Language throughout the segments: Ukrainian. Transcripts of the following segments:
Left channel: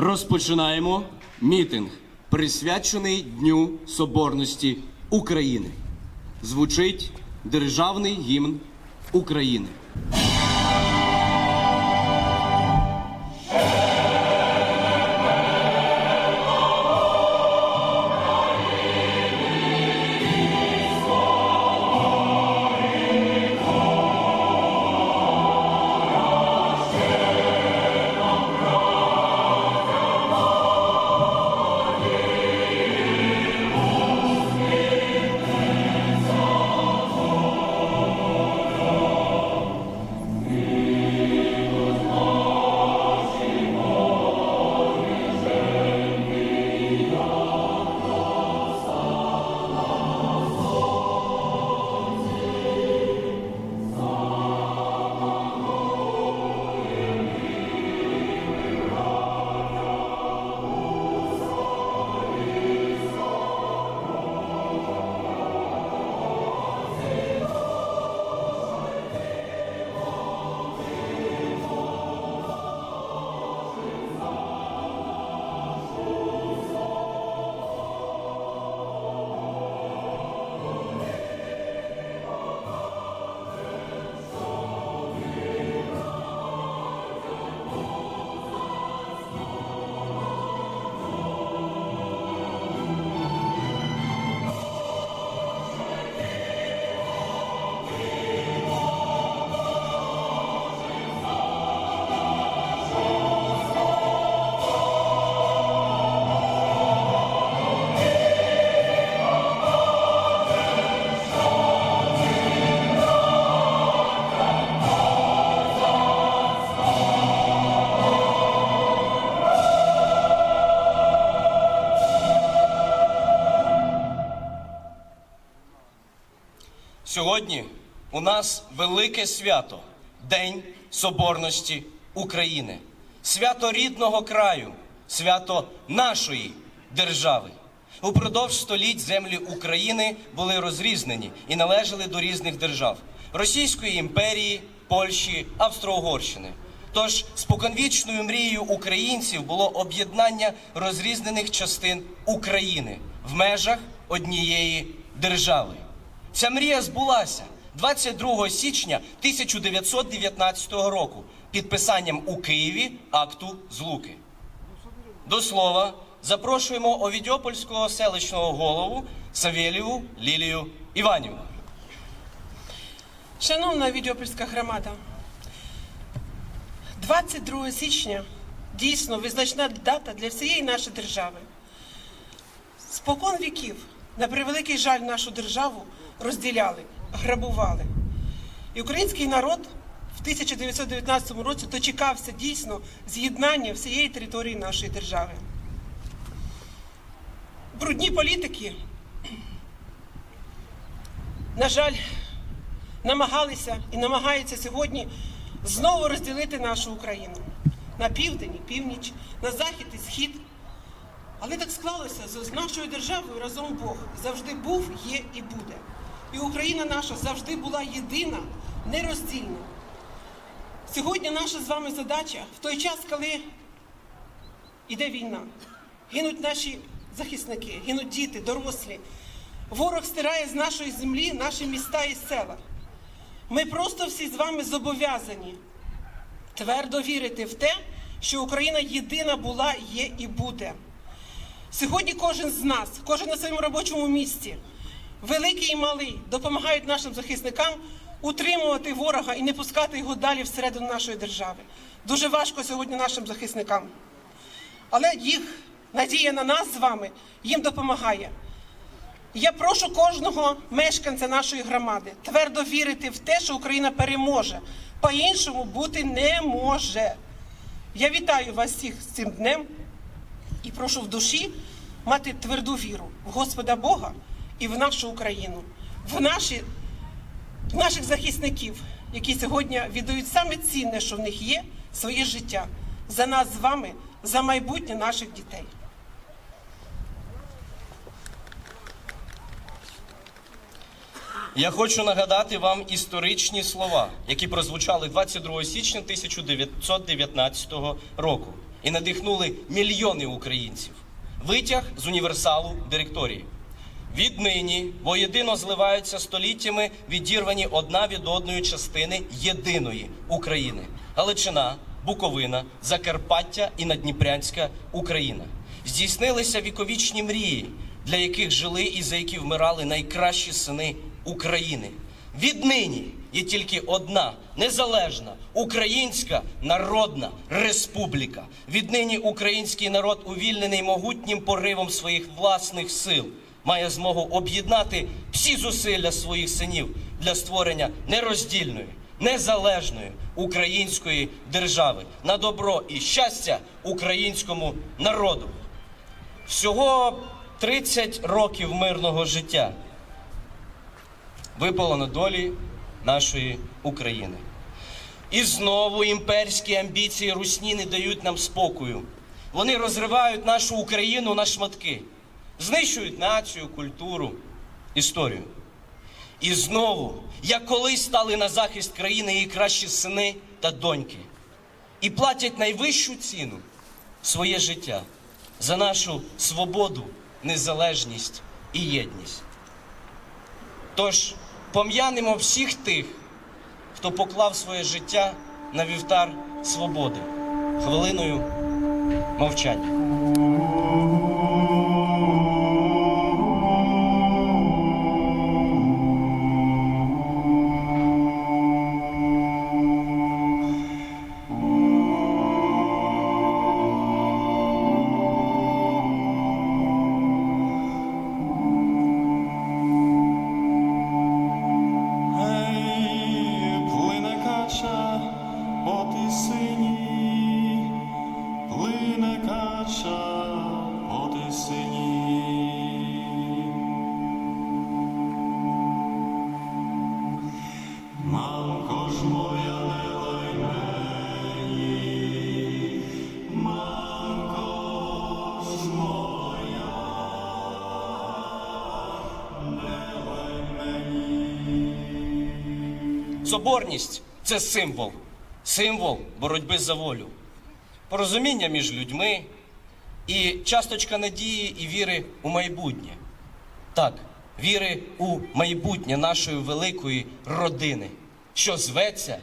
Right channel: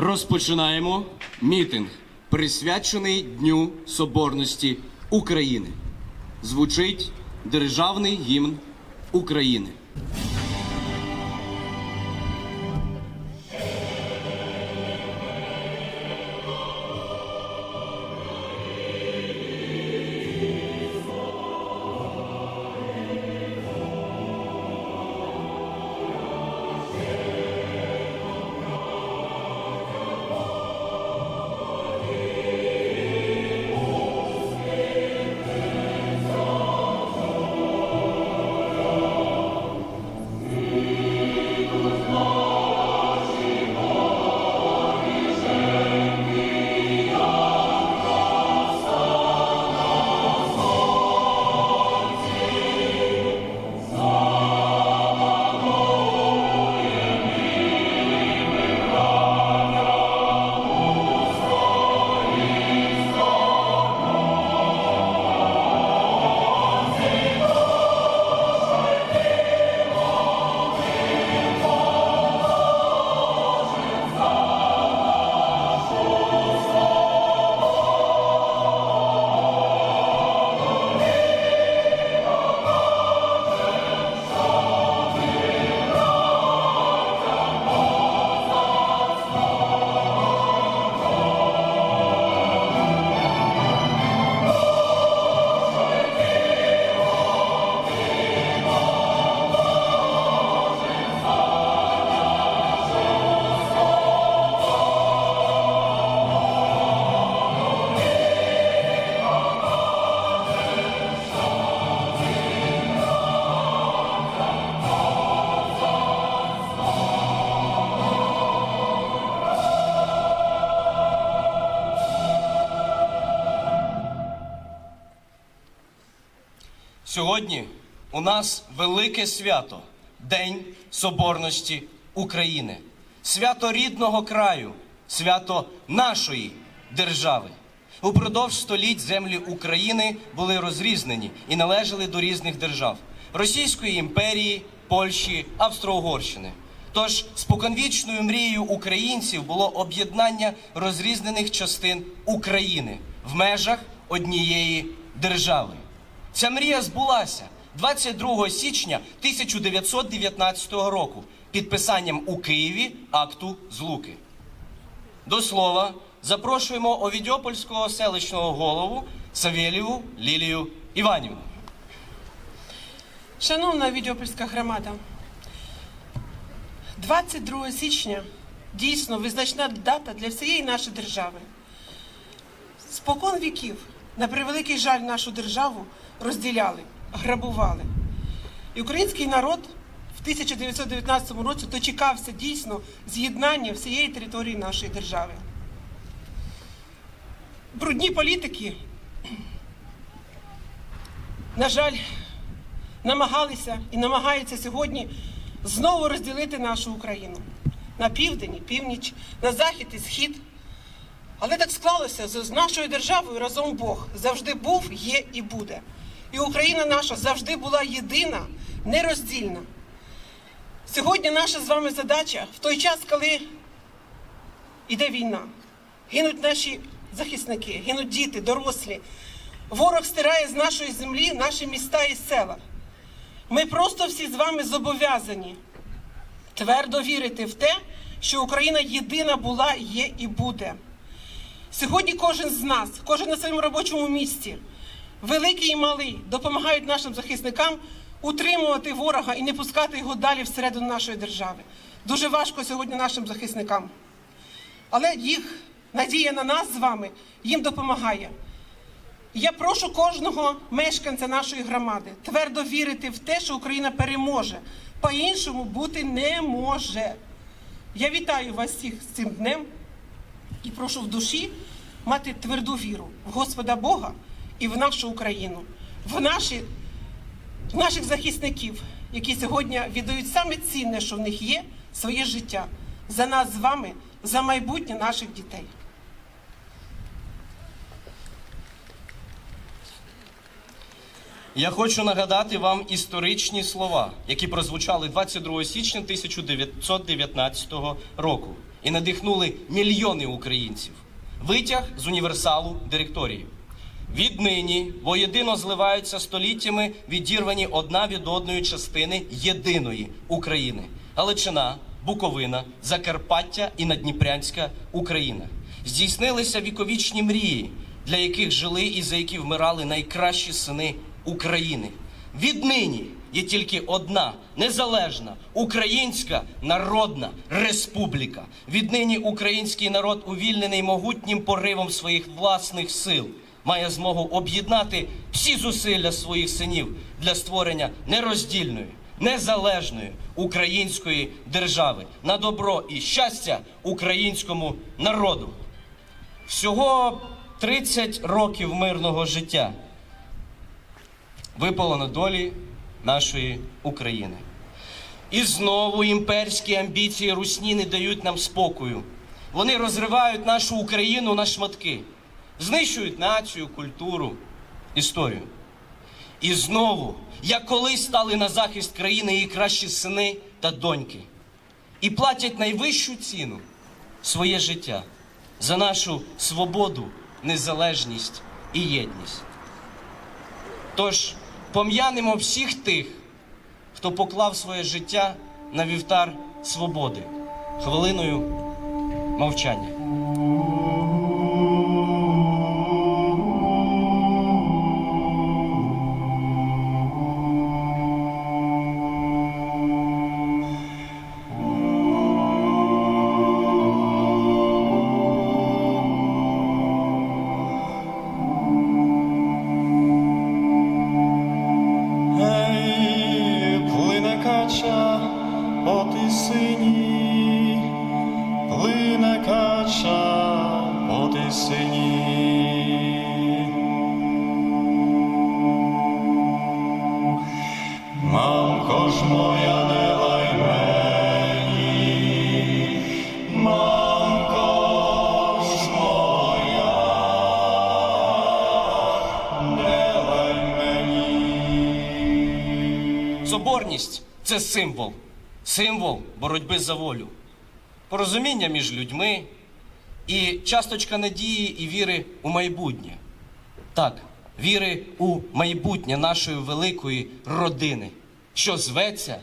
Розпочинаємо мітинг, присвячений Дню Соборності України. Звучить державний гімн України. Сьогодні у нас велике свято День Соборності України, свято рідного краю, свято нашої держави. Упродовж століть землі України були розрізнені і належали до різних держав Російської імперії, Польщі, Австро-Угорщини. Тож споконвічною мрією українців було об'єднання розрізнених частин України в межах однієї держави. Ця мрія збулася 22 січня 1919 року підписанням у Києві акту Злуки. До слова, запрошуємо Овідьопольського селищного голову Савєлєву Лілію Іванівну. Шановна Відьопольська громада, 22 січня дійсно визначна дата для всієї нашої держави. Спокон віків, на превеликий жаль, нашу державу розділяли, грабували. І український народ в 1919 році дочекався дійсно з'єднання всієї території нашої держави. Брудні політики, на жаль, намагалися і намагаються сьогодні знову розділити нашу Україну на південь і північ, на захід і схід. Але так склалося, з нашою державою разом Бог завжди був, є і буде. І Україна наша завжди була єдина, нероздільна. Сьогодні наша з вами задача в той час, коли йде війна, гинуть наші захисники, гинуть діти, дорослі. Ворог стирає з нашої землі наші міста і села. Ми просто всі з вами зобов'язані твердо вірити в те, що Україна єдина була, є і буде. Сьогодні кожен з нас, кожен на своєму робочому місці, великий і малий, допомагають нашим захисникам утримувати ворога і не пускати його далі всередину нашої держави. Дуже важко сьогодні нашим захисникам. Але їх надія на нас з вами їм допомагає. Я прошу кожного мешканця нашої громади твердо вірити в те, що Україна переможе. По-іншому бути не може. Я вітаю вас всіх з цим днем і прошу в душі мати тверду віру в Господа Бога і в нашу Україну, в, наші, в наших захисників, які сьогодні віддають саме цінне, що в них є, своє життя за нас з вами, за майбутнє наших дітей. Я хочу нагадати вам історичні слова, які прозвучали 22 січня 1919 року. і надихнули мільйони українців. Витяг з універсалу директорії. Віднині воєдино зливаються століттями відірвані одна від одної частини єдиної України: Галичина, Буковина, Закарпаття і Надніпрянська Україна. Здійснилися віковічні мрії, для яких жили і за які вмирали найкращі сини України. Віднині є тільки одна незалежна українська народна республіка. Віднині український народ, увільнений могутнім поривом своїх власних сил, має змогу об'єднати всі зусилля своїх синів для створення нероздільної, незалежної української держави на добро і щастя українському народу. Всього 30 років мирного життя випало на долі нашої України. І знову імперські амбіції русні не дають нам спокою. Вони розривають нашу Україну на шматки, знищують націю, культуру, історію. І знову, як колись стали на захист країни її кращі сини та доньки, і платять найвищу ціну своє життя за нашу свободу, незалежність і єдність. Тож пом'янемо всіх тих, хто поклав своє життя на вівтар свободи хвилиною мовчання. Соборність це символ, символ боротьби за волю, порозуміння між людьми і часточка надії і віри у майбутнє. Так, віри у майбутнє нашої великої родини, що зветься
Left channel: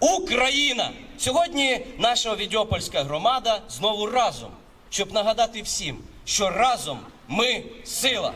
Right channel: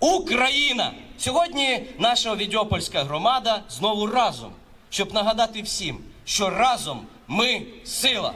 Україна. Сьогодні наша Овідіопольська громада знову разом, щоб нагадати всім, що разом ми сила.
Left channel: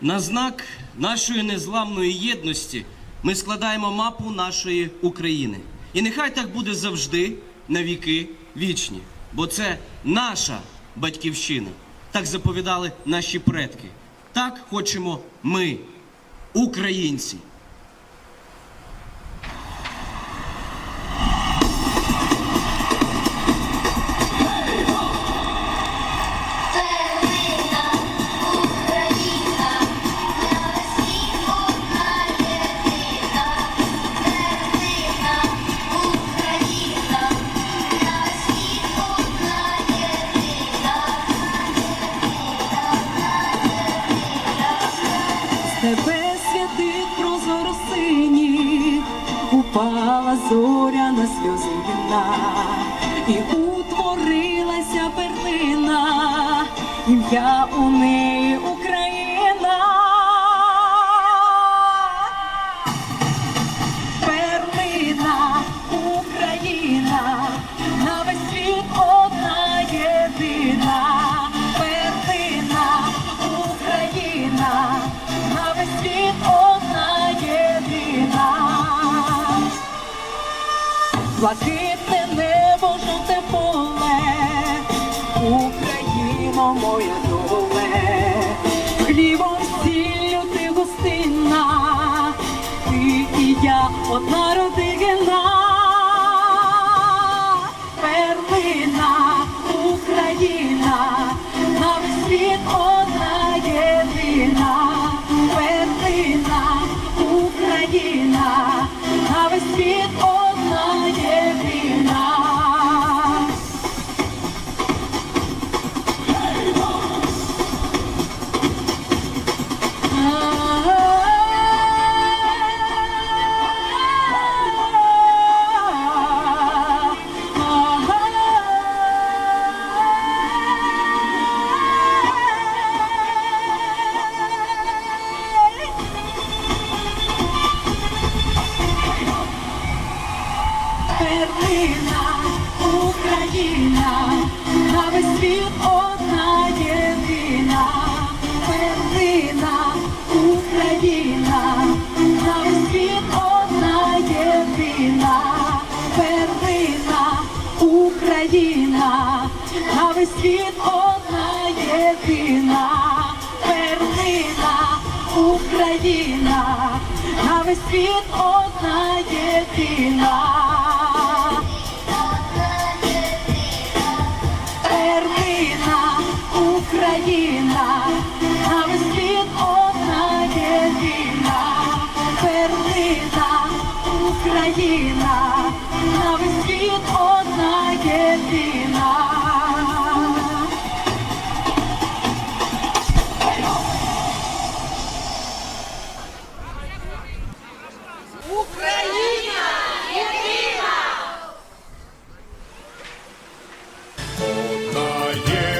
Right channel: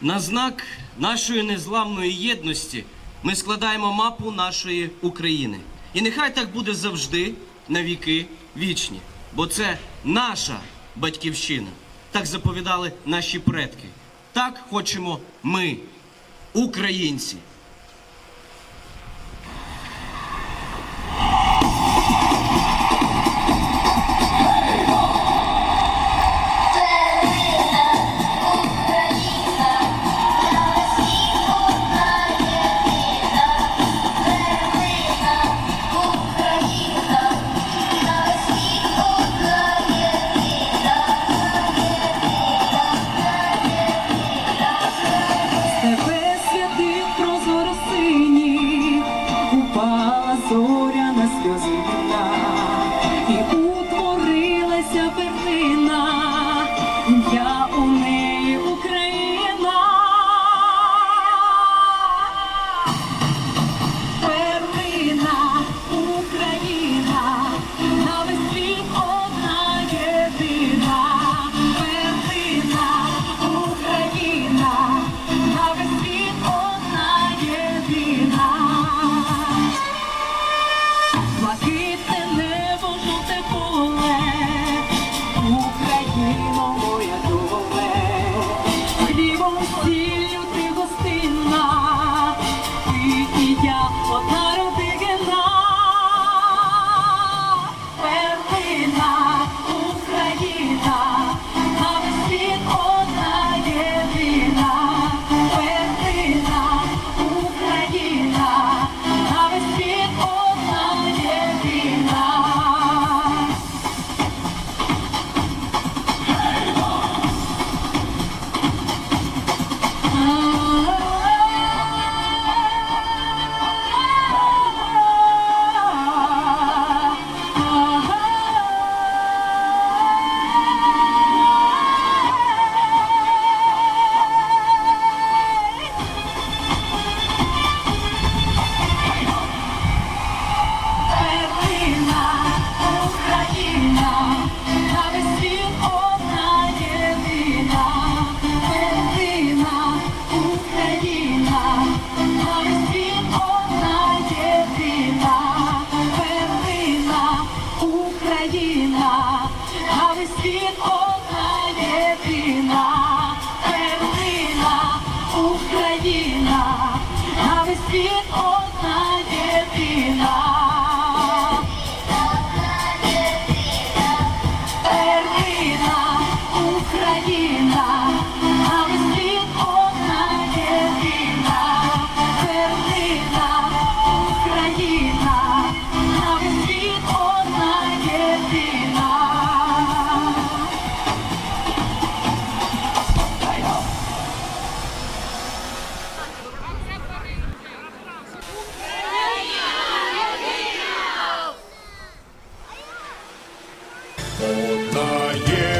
На знак нашої незламної єдності ми складаємо мапу нашої України. І нехай так буде завжди, на віки вічні. Бо це наша батьківщина. Так заповідали наші предки. Так хочемо ми, українці. Україна, моя первина Україна, а весь світ одна єдина, первина Україна, а весь світ одна єдина. Одна єдина